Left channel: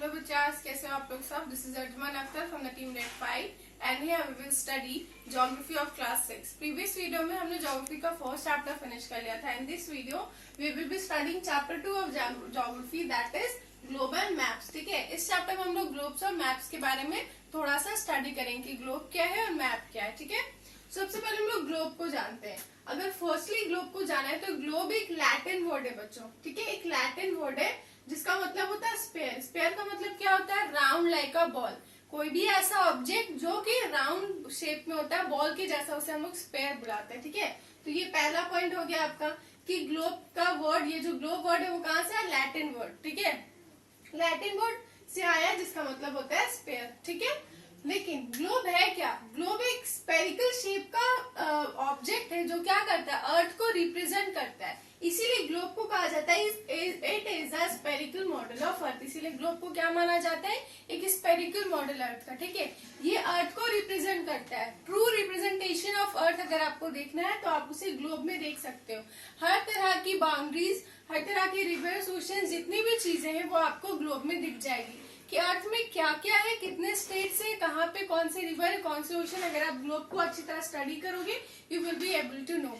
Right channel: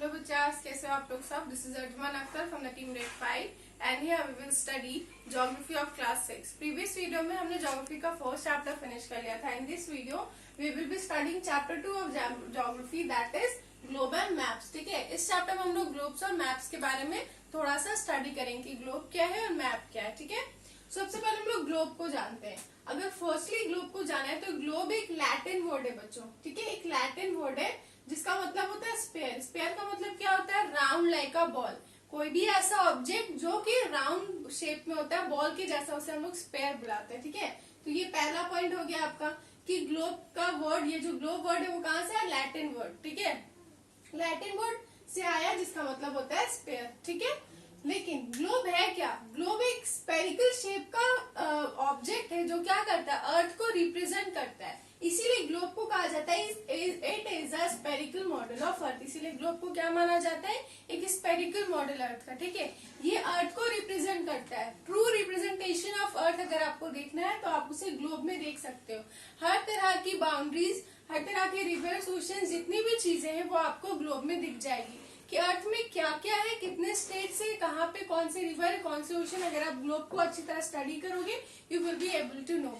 Hello बच्चास, कैसे हो आप लोग सब? This is Arjman Akhtar from the team Grade 5 and here we will study Geography of Class 6. Previous video में हमने Geography का first chapter finish कर लिया था. In this video we will be studying chapter 2 of Geography, that is Globe and Maps. ठीक है, इस chapter में हम लोग globes और maps के बारे में थोड़ा सा study करेंगे कि globe क्या है और map क्या है. ठीक है, सबसे पहले हम लोग ग्लोब को जानते हैं. अगर फर्स्टली ग्लोब को जाना है तो ग्लोब एक लैटिन वर्ड है बच्चों. ठीक है, एक लैटिन वर्ड है जिसका मतलब होता है स्पेयर. स्पेयर का मतलब क्या होता है? Round like a ball. कोई भी ऐसा ऑब्जेक्ट जो कि राउंड शेप में होता है, बॉल के जैसा, उसे हम लोग स्पेयर बुलाते हैं. ठीक है, तो ये पहला पॉइंट हो गया आपका कि ग्लोब का वर्ड, ये जो ग्लोब वर्ड है वो कहाँ से है? Latin word. ठीक है, लैटिन वर्ड से आया जिसका मतलब होता है स्पेयर. ठीक है, लेकिन ग्लोब है क्या? ग्लोब एक स्पेरिकल शेप का ऑब्जेक्ट है जो क्या करता है? अर्थ को रिप्रेजेंट करता है. इसीलिए ग्लोब को कहा जाता है it is a spherical model of earth. इसीलिए ग्लोब को क्या माना जाता है? एक स्पेरिकल मॉडल अर्थ का. ठीक है, ये अर्थ को रिप्रेजेंट करता है. ट्रू रिप्रेजेंटेशन ऑफ अर्थ अगर आपको देखना है तो आप उसे ग्लोब में देख सकते हो. हर तरह की बाउंड्रीज, हर तरह के रिवर्स, ओशन, जितनी भी चीजें हैं वो आपको ग्लोब में दिख जाएगी कि अर्थ में क्या क्या है, कितने स्टेट्स है, कहाँ पे कौन से रिवर, कौन से ओशन. अगर आप ग्लोब को अच्छी तरह स्टडी करोगे you will be able to know.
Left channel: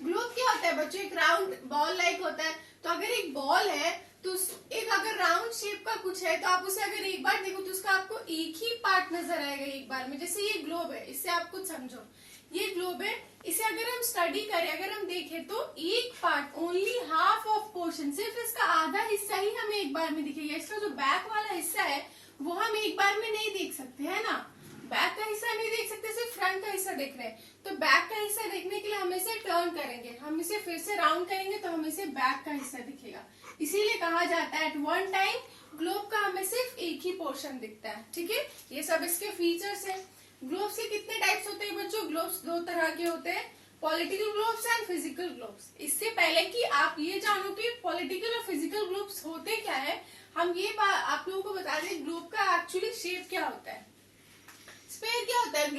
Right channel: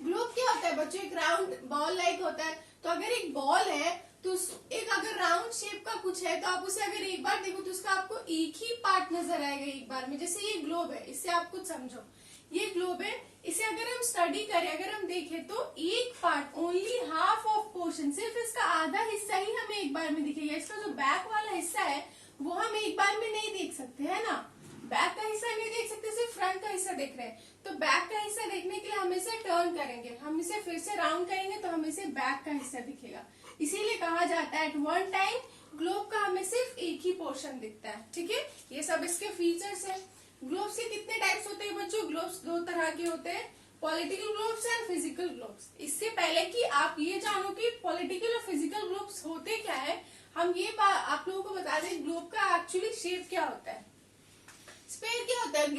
Globe क्या होता है बच्चों? एक राउंड बॉल लाइक होता है. तो अगर एक बॉल है तो एक अगर राउंड शेप का कुछ है तो आप उसे अगर एक बार देखो तो उसका आपको एक ही पार्ट नजर आएगा एक बार में. जैसे ये ग्लोब है, इससे आप कुछ समझो. ये ग्लोब है, इसे अगर हम स्टडी करें, अगर हम देखें तो एक part, only half of portion, सिर्फ इसका आधा हिस्सा ही हमें एक बार में दिखेगा. इसका जो बैक वाला हिस्सा है वो हम एक बार में नहीं देख सकते, है ना. बैक का हिस्सा नहीं देख सकते, सिर्फ फ्रंट का हिस्सा देख रहे हैं. तो बैक का हिस्सा देखने के लिए हम इसे टर्न करेंगे, हम इसे फिर से राउंड करेंगे तो हमें इसे बैक का हिस्सा दिखेगा. इसीलिए कहा जाता है एट वन टाइम ग्लोब का हमें सिर्फ एक ही पोर्शन दिखता है. ठीक है, ये सब इसके फीचर्स है. ग्लोब्स के कितने टाइप्स होते हैं बच्चों? ग्लोब्स दो तरह के होते हैं, political globes and physical globes. इससे पहले कि आप ये जानो कि पॉलिटिकल और फिजिकल ग्लोब्स होते क्या है, हम ये आप लोगों को बता दें ग्लोब का एक्चुअली शेप क्या होता है. स्पेयर क्या होता है?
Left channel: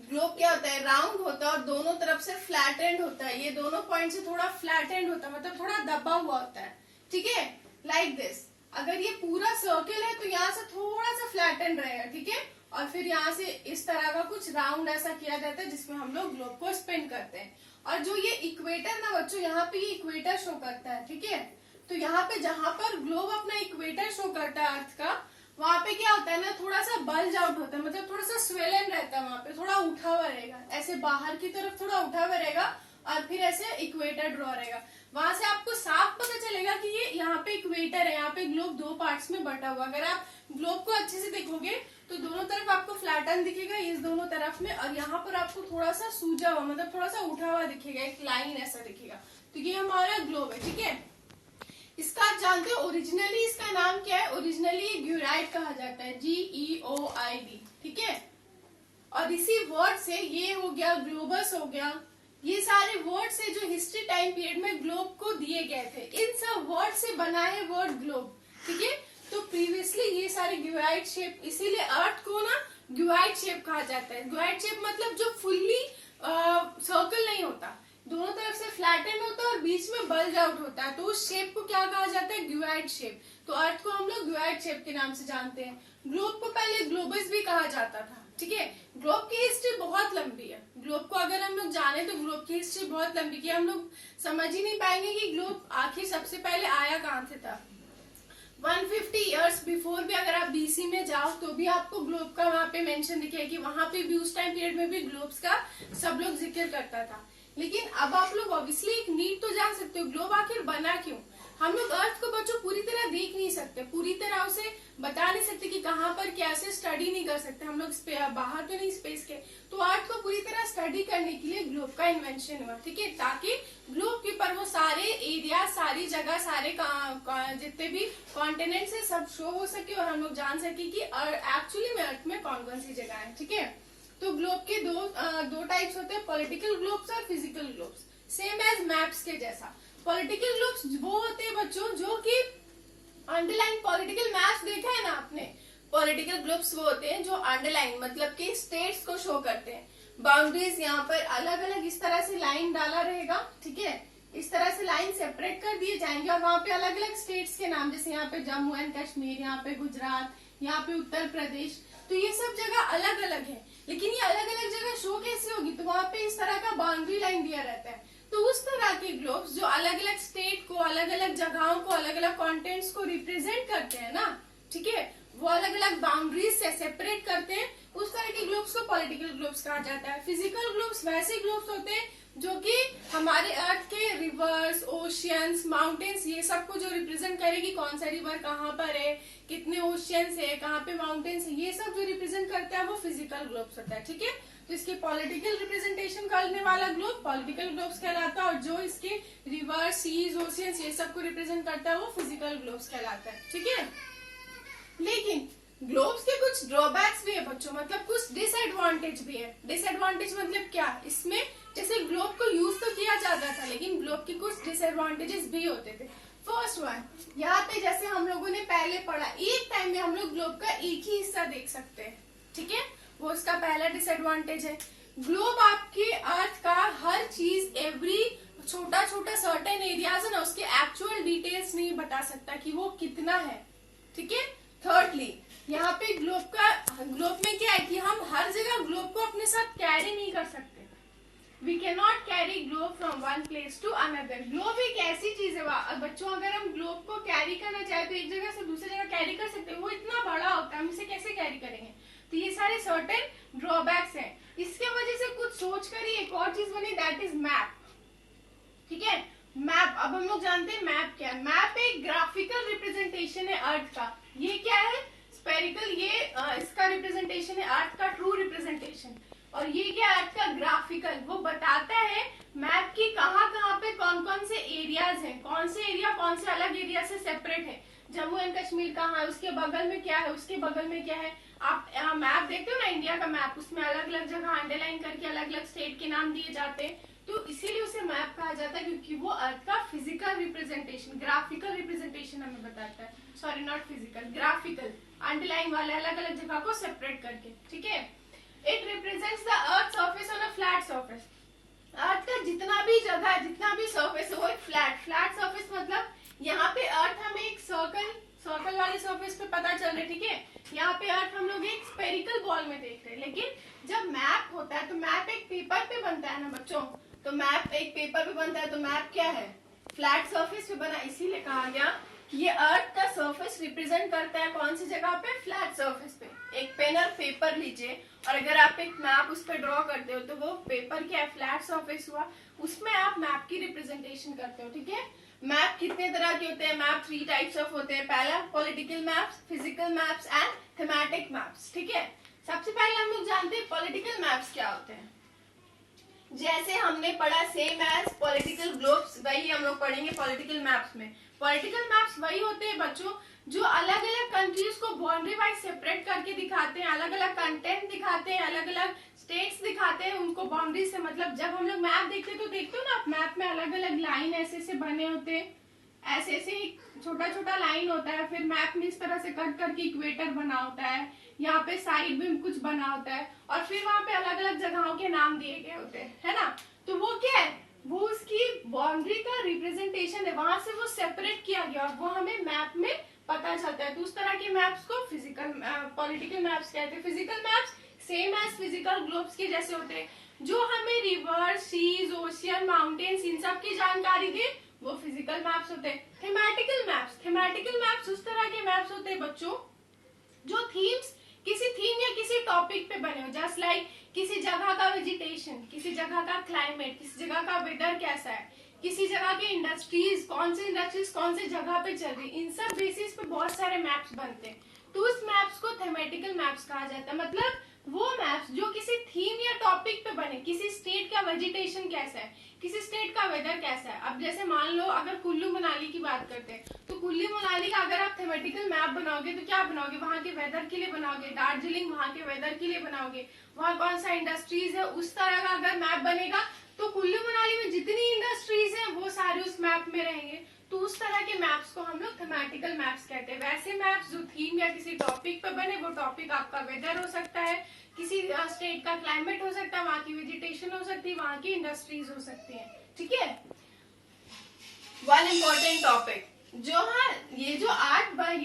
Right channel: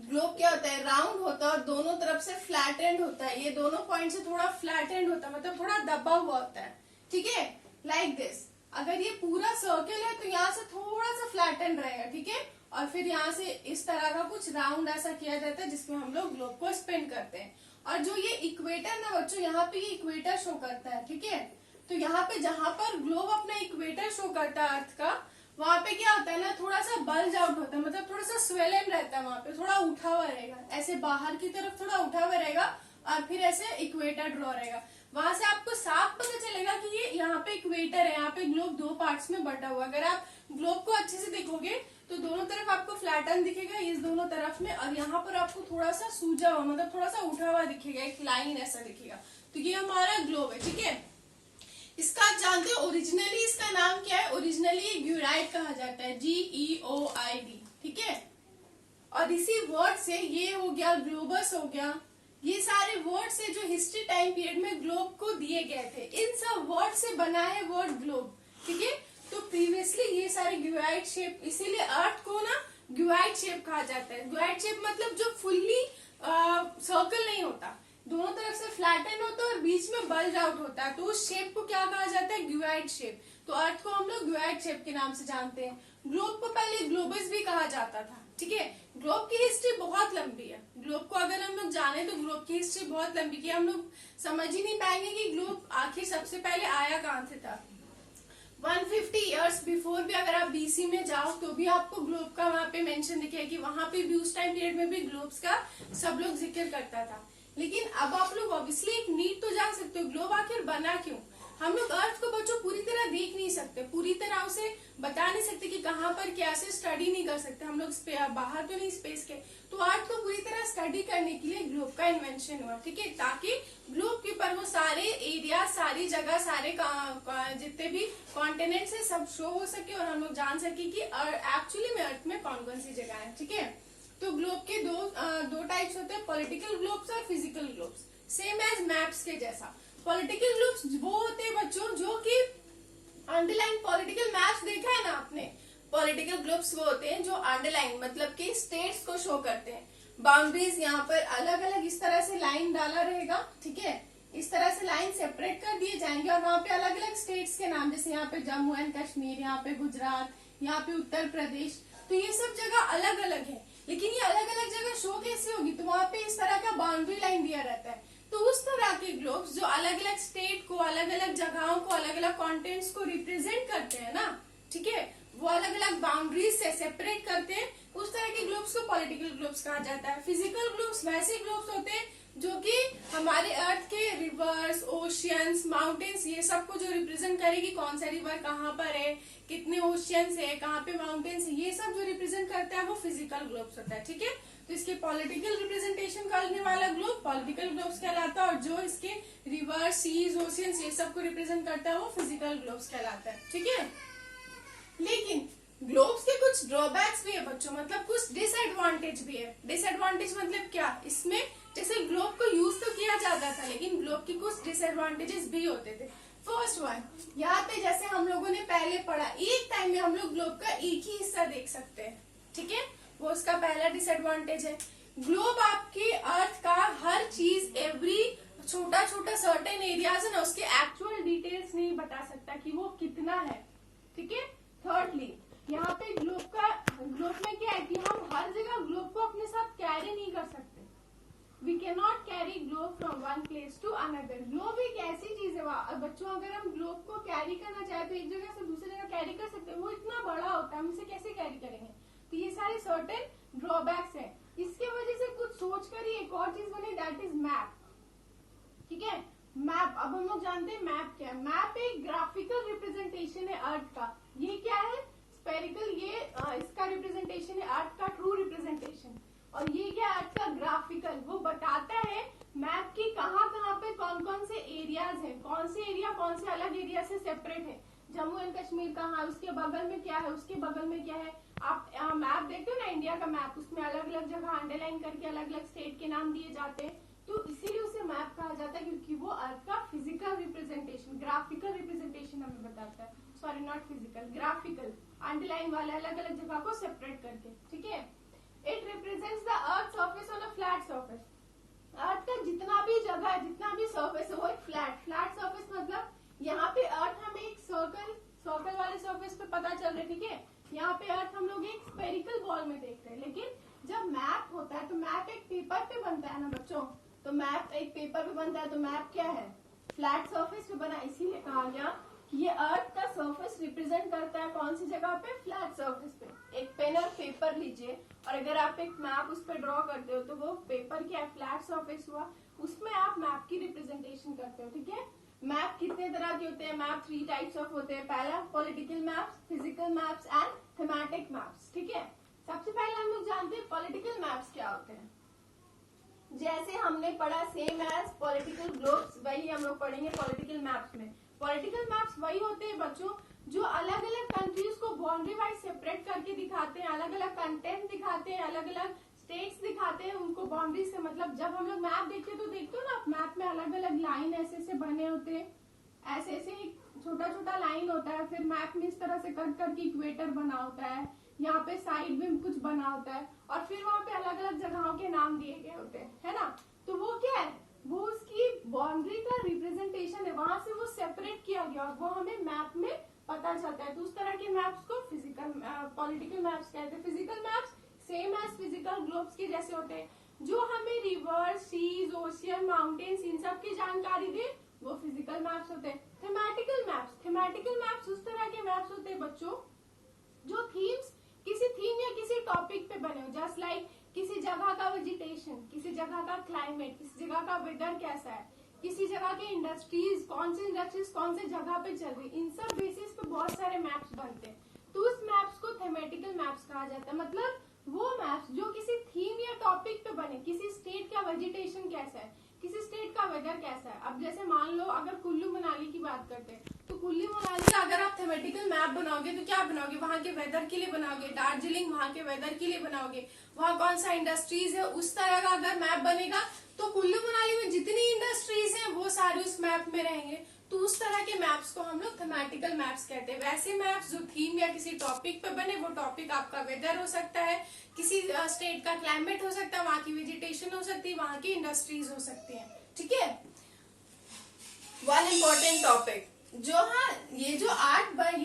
ग्लोब क्या होता है? राउंड होता है और दोनों तरफ से फ्लैट एंड होता है. ये दोनों पॉइंट से थोड़ा फ्लैट एंड होता है, मतलब थोड़ा दबा हुआ होता है. ठीक है, लाइक दिस. अगर ये पूरा सर्कल है तो यहाँ से थोड़ा सा फ्लैट एंड रहेगा. ठीक है, और फिर यहाँ से इस तरह का कुछ राउंड ऐसा किया जाता है जिसमें हम लोग ग्लोब को स्पिन करते हैं. और जो ये इक्वेटर ना बच्चों, यहाँ पे ये इक्वेटर शो करता है. ठीक है, तो यहाँ पे जहां पर ग्लोब अपना इक्वेटर शो करता है अर्थ का, वहां पे क्या होता है ना, थोड़ा सा बल्ज आउट होता है, मतलब थोड़ा सा स्वेलन रहता है. वहां पे थोड़ा उठा हुआ रहेगा, ऐसे बाहर की तरफ थोड़ा उठा हुआ रहेगा और फिर ऐसे इक्वेटर ड्रॉ रहेगा. वहां से आपको साफ पता चलेगा कि ये यहाँ पे इक्वेटर है, यहाँ पे ग्लोब दो पार्ट्स में बटा हुआ. अगर आप ग्लोब को अच्छे से देखोगे तो दोनों तरफ आपको फ्लैटन दिखेगा, इस दोनों तरफ में, और यहाँ पर आपको थोड़ा सा सूजा हुआ, मतलब थोड़ा सा उठा हुआ दिखेगा, एक लाइन ऐसा दिखेगा. तो ये हमारा ग्लोब है. ठीक है, इसका आप जानते हो ओरिजिनली इसका नाम क्या है? ओरिजिनली ग्यूराइड कहा जाता है, GEOID. ठीक है, और इसी वर्ड से ये हो गया, ग्लोबस हो गया, ये सारे वर्ड से जो हिस्ट्री टाइम पीरियड में ग्लोब को दिए गए थे, इन सब वर्ड से बना है वर्ड ग्लोब. ठीक है, तो प्रीवियसली ये सारे ग्यूराइड शेप, इसीलिए अर्थ को ना ग्यूराइड शेप कहा जाता है. ग्यूराइड शेप मतलब जो फुल्ली सर्कल नहीं होता, दोनों तरफ से फ्लैटन होता है और बीच में बल्ज आउट होता है, तो उस शेप को क्या कहा जाता है? ग्यूराइड शेप. तो अर्थ को हम लोग ग्यूराइड शेप के नाम से जानते हैं. ग्लोब को पहले ग्लोबस भी कहा जाता था. ठीक है, ग्लोब की हिस्ट्री बहुत लंबी है. ग्लोब को अगर हम लोग जाने तो ग्लोब की हिस्ट्री बहुत लंबी की हम लोग समझ ही नहीं पाएंगे कि ग्लोब आखिर सबसे पहले आया कहाँ से था. 150 इयर्स बिफोर भी अगर आप BC में जाओ तो भी आपको ग्लोब का वहां पे मेंशन दिखेगा कि वहां पे भी उस टाइम पीरियड में भी ग्लोब्स का सब लोग जिक्र करता था. लेकिन अब आप लोग ऑब्वियसली एक नीड तो जान सकते हो, ग्लोब आखिर बना क्यों. हम लोग अर्थ को बच्चों पूरी तरह देख नहीं सकते, पूरी तरह उसे बता नहीं सकते कि कहाँ पर कैसे, स्टडी नहीं कर सकते हम लोग, बाहर तो नहीं स्पेस के. तो अर्थ को पूरी तरह स्टडी करने के लिए ग्लोब का इन्वेंशन हुआ. ठीक है, ताकि ग्लोब के पर वो सारे एरिया, सारी जगह, सारे जितने भी कॉन्टिनेंट्स है सब शो हो सके और हम लोग जान सके कि एक्चुअली में अर्थ में कौन कौन सी जगह है. ठीक है, तो ग्लोब के दो टाइप्स होते हैं, पॉलिटिकल ग्लोब्स और physical globes. Same as maps के जैसा. पॉलिटिकल ग्लोब्स वो होते हैं बच्चों जो कि अंडरलाइन, पॉलिटिकल मैप्स देखा है ना आपने, पॉलिटिकल ग्लोब्स वो होते हैं जो अंडरलाइन मतलब कि स्टेट्स को शो करते हैं. बाउंड्रीज यहाँ पर अलग अलग इस तरह से लाइन डाला रहेगा. ठीक है, इस तरह से लाइन सेपरेट कर दिए जाएंगे और वहां पे अलग अलग स्टेट्स के नाम, जैसे यहाँ पे जम्मू एंड कश्मीर, यहाँ पे गुजरात, यहाँ पे उत्तर प्रदेश, तो ये सब जगह अलग अलग है। लेकिन ये अलग अलग जगह शो कैसे होगी, तो वहां पे इस तरह का बाउंड्री लाइन दिया रहता है। तो उस तरह के ग्लोब्स जो अलग अलग स्टेट को, अलग अलग जगहों को, अलग अलग कॉन्टेंट्स को रिप्रेजेंट करते हैं ना, ठीक है, वो अलग अलग बाउंड्रीज से सेपरेट करते हैं, उस तरह के ग्लोब्स को पॉलिटिकल ग्लोब्स कहा जाता है। फिजिकल ग्लोब्स वैसे ग्लोब्स होते हैं जो कि हमारे अर्थ के रिवर्स, ओशियंस, माउंटेन्स, ये सब को जो रिप्रेजेंट करेगी, कौन सा रिवर कहाँ पर है, कितने ओशियंस है, कहाँ पे माउंटेन्स है, ये सब जो रिप्रेजेंट करता है वो फिजिकल ग्लोब्स होता है, ठीक है। तो इसके पॉलिटिकल रिप्रेजेंटेशन करने वाला ग्लोब पॉलिटिकल ग्लोब्स कहलाता है, और जो इसके रिवर, सीज, ओशियंस ये सब को रिप्रेजेंट करता है वो फिजिकल ग्लोब्स कहलाता है, ठीक है। लेकिन ग्लोब्स के कुछ ड्रॉबैक्स भी है बच्चों, मतलब कुछ डिसएडवांटेज भी है। डिसएडवांटेज मतलब क्या, इसमें जैसे ग्लोब को यूज तो किया जाता था, लेकिन ग्लोब के कुछ डिसएडवांटेजेस भी होते थे। फर्स्ट वन, यहाँ पे जैसे हम लोगों ने पहले पढ़ा, एक टाइम में हम लोग ग्लोब का एक ही हिस्सा देख सकते हैं, ठीक है, वो उसका पहला डिसएडवांटेज है। ग्लोब आपके अर्थ का हर चीज, एवरी छोटा छोटा सर्टेन एरियाज है ना, उसके एक्चुअल डिटेल्स नहीं बता सकता कि वो कितना है, ठीक है। थर्डली, यहाँ पे ग्लोब में क्या है कि हम हर जगह ग्लोब को अपने साथ कैरी नहीं कर सकते। We can not carry globe from one place to another. Globe एक ऐसी चीज है बच्चों, अगर हम ग्लोब को कैरी करना चाहे तो एक जगह से दूसरी जगह कैरी कर सकते हैं, वो इतना बड़ा होता है, हम इसे कैसे कैरी करेंगे। तो ये सारे सर्टेन ड्रॉबैक्स हैं। इसके वजह से कुछ सोच कर ही एक और चीज बनी, दैट इज मैप, ठीक है। मैप, अब हम लोग जानते हैं मैप क्या है। मैप एक ग्राफिकल रिप्रेजेंटेशन है अर्थ का। ये क्या है, स्पेरिकल, ये इसका रिप्रेजेंटेशन है अर्थ का ट्रू रिप्रेजेंटेशन, और ये क्या अर्थ का ग्राफिकल, वो बताता है मैप की कहाँ कहाँ पे कौन कौन से एरियाज हैं, कौन से एरिया कौन से अलग एरिया से सेपरेट है, जम्मू एंड कश्मीर कहाँ है, उसके बगल में क्या है, उसके बगल में क्या है। आप मैप देखते हो ना इंडिया का मैप, उसमें अलग अलग जगह अंडरलाइन करके अलग अलग स्टेट के नाम दिए जाते हैं, तो इसीलिए उसे मैप कहा जाता है, क्योंकि वो अर्थ का फिजिकल रिप्रेजेंटेशन, ग्राफिकल रिप्रेजेंटेशन हमें बताता है, sorry not physical, graphical, underline वाले अलग अलग जगह को सेपरेट करके, ठीक है। It represents the earth surface on a flat surface. Earth का जितना भी जगह, जितना भी सरफेस है वो एक फ्लैट सरफेस, मतलब यहाँ पे अर्थ हमें एक सर्कल वाले सरफेस पे पता चल रहा है, ठीक है। यहाँ पे अर्थ हम लोग एक स्पेरिकल बॉल में देख रहे हैं, लेकिन जब मैप होता है तो मैप एक पेपर पे बनता है ना बच्चों, तो मैप एक पेपर पे बनता है, तो मैप क्या है, फ्लैट सरफेस पे बना, इसीलिए कहा गया कि ये अर्थ का सरफेस रिप्रेजेंट करता है कौन सी जगह पे, फ्लैट सरफेस पे। एक पेन और पेपर लीजिए, और अगर आप एक मैप उस पर ड्रॉ करते हो तो वो पेपर क्या है, फ्लैट सरफेस हुआ, उसमें आप मैप की रिप्रेजेंटेशन करते हो, ठीक है। मैप कितने तरह के होते हैं, मैप 3 टाइप्स ऑफ होते हैं। पहला political maps, physical maps and thematic maps, ठीक है। सबसे पहले हम लोग जानते हैं पॉलिटिकल मैप्स क्या होते हैं। जैसे हमने पढ़ा सेम एज पॉलिटिकल ग्लोब्स, वही हम लोग पढ़ेंगे पॉलिटिकल मैप्स में। पॉलिटिकल मैप्स वही होते हैं बच्चों जो अलग अलग कंट्रीज को बाउंड्री वाइज सेपरेट करके दिखाते हैं, अलग अलग कंटेंट दिखाते हैं, अलग अलग स्टेट्स दिखाते हैं उनको बाउंड्री से। मतलब जब हम लोग मैप देखते हैं तो देखते हो ना, मैप में अलग अलग लाइन ऐसे ऐसे बने होते हैं, ऐसे ऐसे छोटा छोटा लाइन होता है, फिर मैप में इस तरह से कट करके इक्वेटर बना होता है, यहाँ पे साइड में कुछ बना होता है, और फिर वहां पे अलग अलग जगहों के नाम दिए गए होते हैं, है ना। तो वो क्या है, वो उसकी बाउंड्री का रिप्रेजेंटेशन है, वहां से वो सेपरेट किया गया और वो हमें मैप में पता चलता है। तो उस तरह के मैप्स को फिजिकल पॉलिटिकल मैप्स कहते हैं। Physical maps same as physical globes के जैसे होते हैं, जो हमें रिवर, सीज, ओशियन, माउंटेन्स इन सब की जानकारी दे, वो फिजिकल मैप्स होते हैं। थीमेटिकल मैप्स उस तरह के मैप्स होते हैं बच्चों जो थीम्स, किसी थीम या किसी टॉपिक पे बने हो, जस्ट लाइक किसी जगह का वेजिटेशन, किसी जगह का क्लाइमेट, किसी जगह का वेदर कैसा है, किसी जगह के इंडस्ट्रीज, कौन से जगह पे चल रही, इन सब बेसिस पे बहुत सारे मैप्स बनते हैं। तो उस मैप्स को थीमेटिकल मैप्स कहा जाता है। मतलब वो मैप्स जो किसी थीम या टॉपिक पे बने, किसी स्टेट का वेजिटेशन कैसा है, किसी स्टेट का वेदर कैसा है। अब जैसे मान लो अगर कुल्लू मनाली की बात करते हैं, तो कुल्लू मनाली का अगर आप थीमेटिकल मैप बनाओगे तो क्या बनाओगे, वहां के वेदर के लिए बनाओगे। दार्जिलिंग वहां के वेदर के लिए बनाओगे, वहां कौन सा इंडस्ट्रीज है, उस तरह का अगर मैप बनेगा तो कुल्लू मनाली में जितनी इंडस्ट्रीज हैं वो सारे उस मैप में रहेंगे। तो उस तरह के मैप्स को हम लोग थीमेटिकल मैप्स कहते हैं। वैसे मैप्स जो थीम या किसी टॉपिक पे बने, वो टॉपिक आपका वेदर हो सकता है, किसी स्टेट का क्लाइमेट हो सकता है, वहां की वेजिटेशन हो सकती है, वहां की इंडस्ट्रीज हो सकती है, ठीक है। वन इम्पोर्टेंट टॉपिक जो, हाँ, ये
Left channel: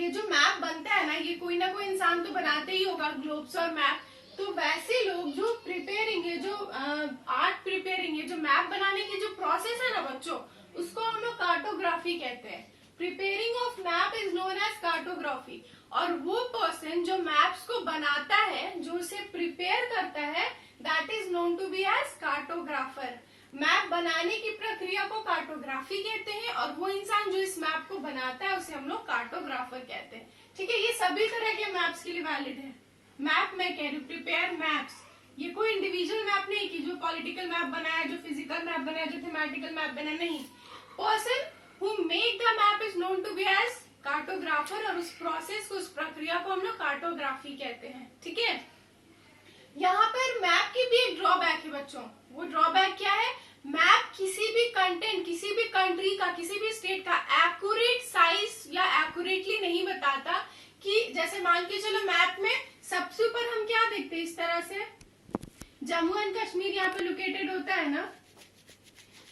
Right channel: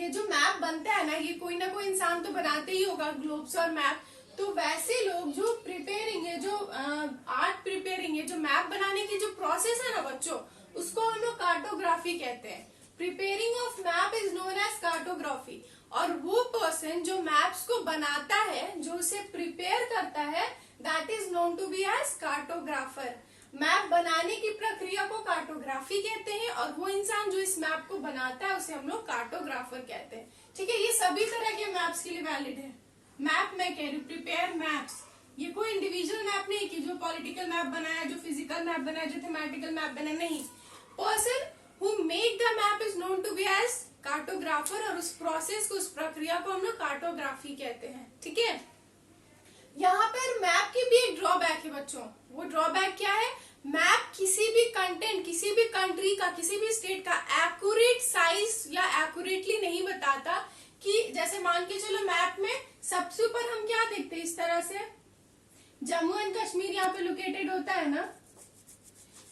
जो मैप बनता है ना, ये कोई ना कोई इंसान तो बनाते ही होगा, ग्लोब्स और मैप। तो वैसे लोग जो प्रिपेयरिंग है, जो आर्ट प्रिपेयरिंग है, जो मैप बनाने की जो प्रोसेस है ना बच्चों, उसको हम लोग कार्टोग्राफी कहते हैं। Preparing of map is known as cartography. और वो पर्सन जो मैप्स को बनाता है, जो उसे प्रिपेयर करता है, that is known to be as cartographer. Map बनाने की प्रक्रिया को कार्टोग्राफी कहते हैं, और वो इंसान जो इस मैप को बनाता है उसे हम लोग कार्टोग्राफर कहते हैं। ठीक है, ये सभी तरह के मैप्स के लिए वैलिड है। मैप मैं कह रही हूँ, प्रिपेयर मैप्स, ये कोई इंडिविजुअल मैप नहीं कि जो पॉलिटिकल मैप बनाया, जो फिजिकल मैप बनाया, जो थेमेटिकल मैप बनाया, नहीं। Person who make the map is known to be as cartographer, और उस प्रोसेस को, उस प्रक्रिया को हम लोग कार्टोग्राफी कहते हैं। ठीक है, यहाँ पर मैप की भी एक ड्रॉबैक है बच्चों। वो ड्रॉबैक क्या है? मैप किसी भी कंटेंट, किसी भी कंट्री का, किसी भी स्टेट का एक्यूरेट साइज या एक्यूरेटली नहीं बताता। कि जैसे मान के चलो, मैप में सबसे ऊपर हम क्या देखते हैं, इस तरह से जम्मू एंड कश्मीर यहाँ पे लोकेटेड होता है ना,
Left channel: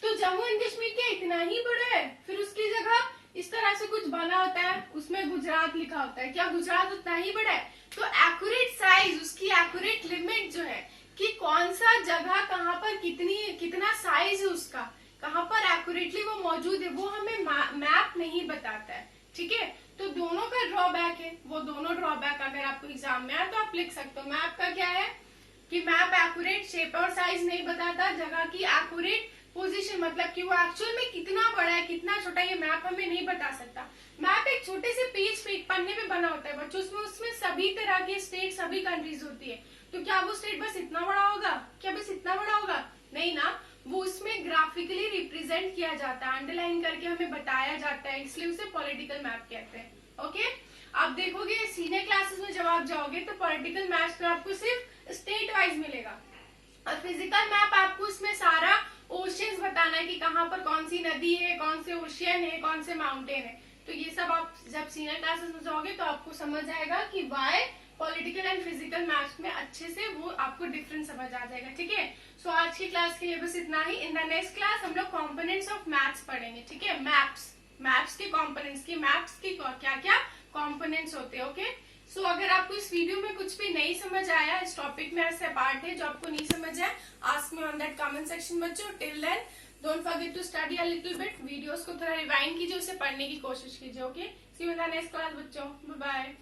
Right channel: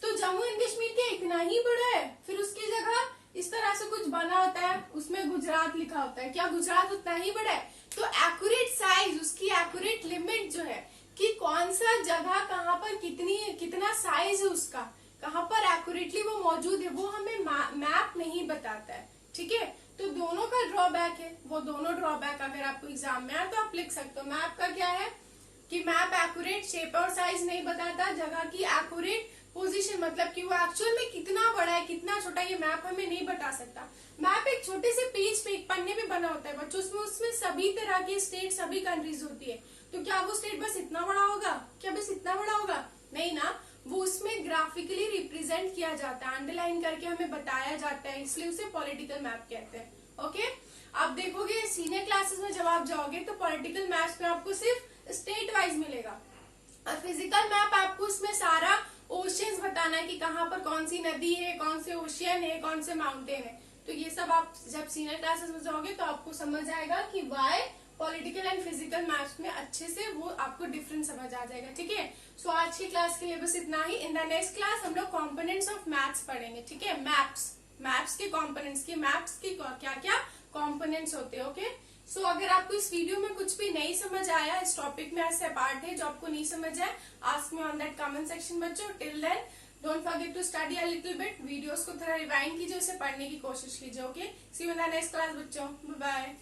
तो जम्मू एंड कश्मीर क्या इतना ही बड़ा है? फिर उसकी जगह इस तरह से कुछ बना होता है, उसमें गुजरात लिखा होता है। क्या गुजरात उतना ही बड़ा है? तो एक्यूरेट साइज, उसकी एक्यूरेट लिमिट जो है कि कौन सा जगह कहाँ पर कितना साइज है उसका, कहाँ पर एक्यूरेटली वो मौजूद है, वो हमें मैप नहीं बताता है। ठीक है, तो दोनों का ड्रॉबैक है। वो दोनों ड्रॉबैक अगर आपको एग्जाम में आए तो आप लिख सकते हो। मैप का क्या है कि मैप एक्यूरेट शेप और साइज नहीं बताता, जगह की एक्यूरेट पोजीशन, मतलब कि वो एक्चुअल में कितना बड़ा है, कितना छोटा, ये मैप हमें नहीं बता सकता। मैप एक छोटे से पेज पे, एक पन्ने पे बना होता है बच्चों, उसमें सभी तरह के स्टेट, सभी कंट्रीज होती है। तो क्या वो स्टेट बस इतना बड़ा होगा? क्या बस इतना बड़ा होगा? नहीं ना, वो उसमें ग्राफिकली रिप्रेजेंट किया जाता है, अंडरलाइन करके हमें बताया जाता है, इसलिए उसे पॉलिटिकल मैप कहते हैं। ओके, आप देखोगे सीनियर क्लासेस में जब आप जाओगे तो पॉलिटिकल मैप्स में आपको सिर्फ स्टेट वाइज मिलेगा, और फिजिकल मैप आपको उसमें सारा ओशियंस बताना है कि कहाँ पर कौन सी नदी है, कौन से ओशियन है, कौन से माउंटेन है। तो ये सब आप जब सीनियर क्लासेस में जाओगे तो आपको समझ आएगा कि why political and physical maps में अच्छे से वो आपको डिफरेंस समझ आ जाएगा। ठीक है, सो आज की क्लास के लिए बस इतना ही। इन द नेक्स्ट क्लास हम लोग कॉम्पोनेंट्स ऑफ मैथ्स पढ़ेंगे। ठीक है, मैप्स के कॉम्पोनेंट्स की, मैप्स की क्या क्या कॉम्पोनेंट्स होते हैं। ओके, सो अगर आपको इस वीडियो में कुछ भी नहीं समझ आया, इस टॉपिक में ऐसे पार्ट है जो आपको नहीं समझ आए, ask me on that comment section बच्चों। Till then don't forget to study a little bit, videos को थोड़ा रिवाइंड कीजिए, उसे पढ़ने की कोशिश कीजिए। Okay, see you in the next class बच्चों, बाय बाय।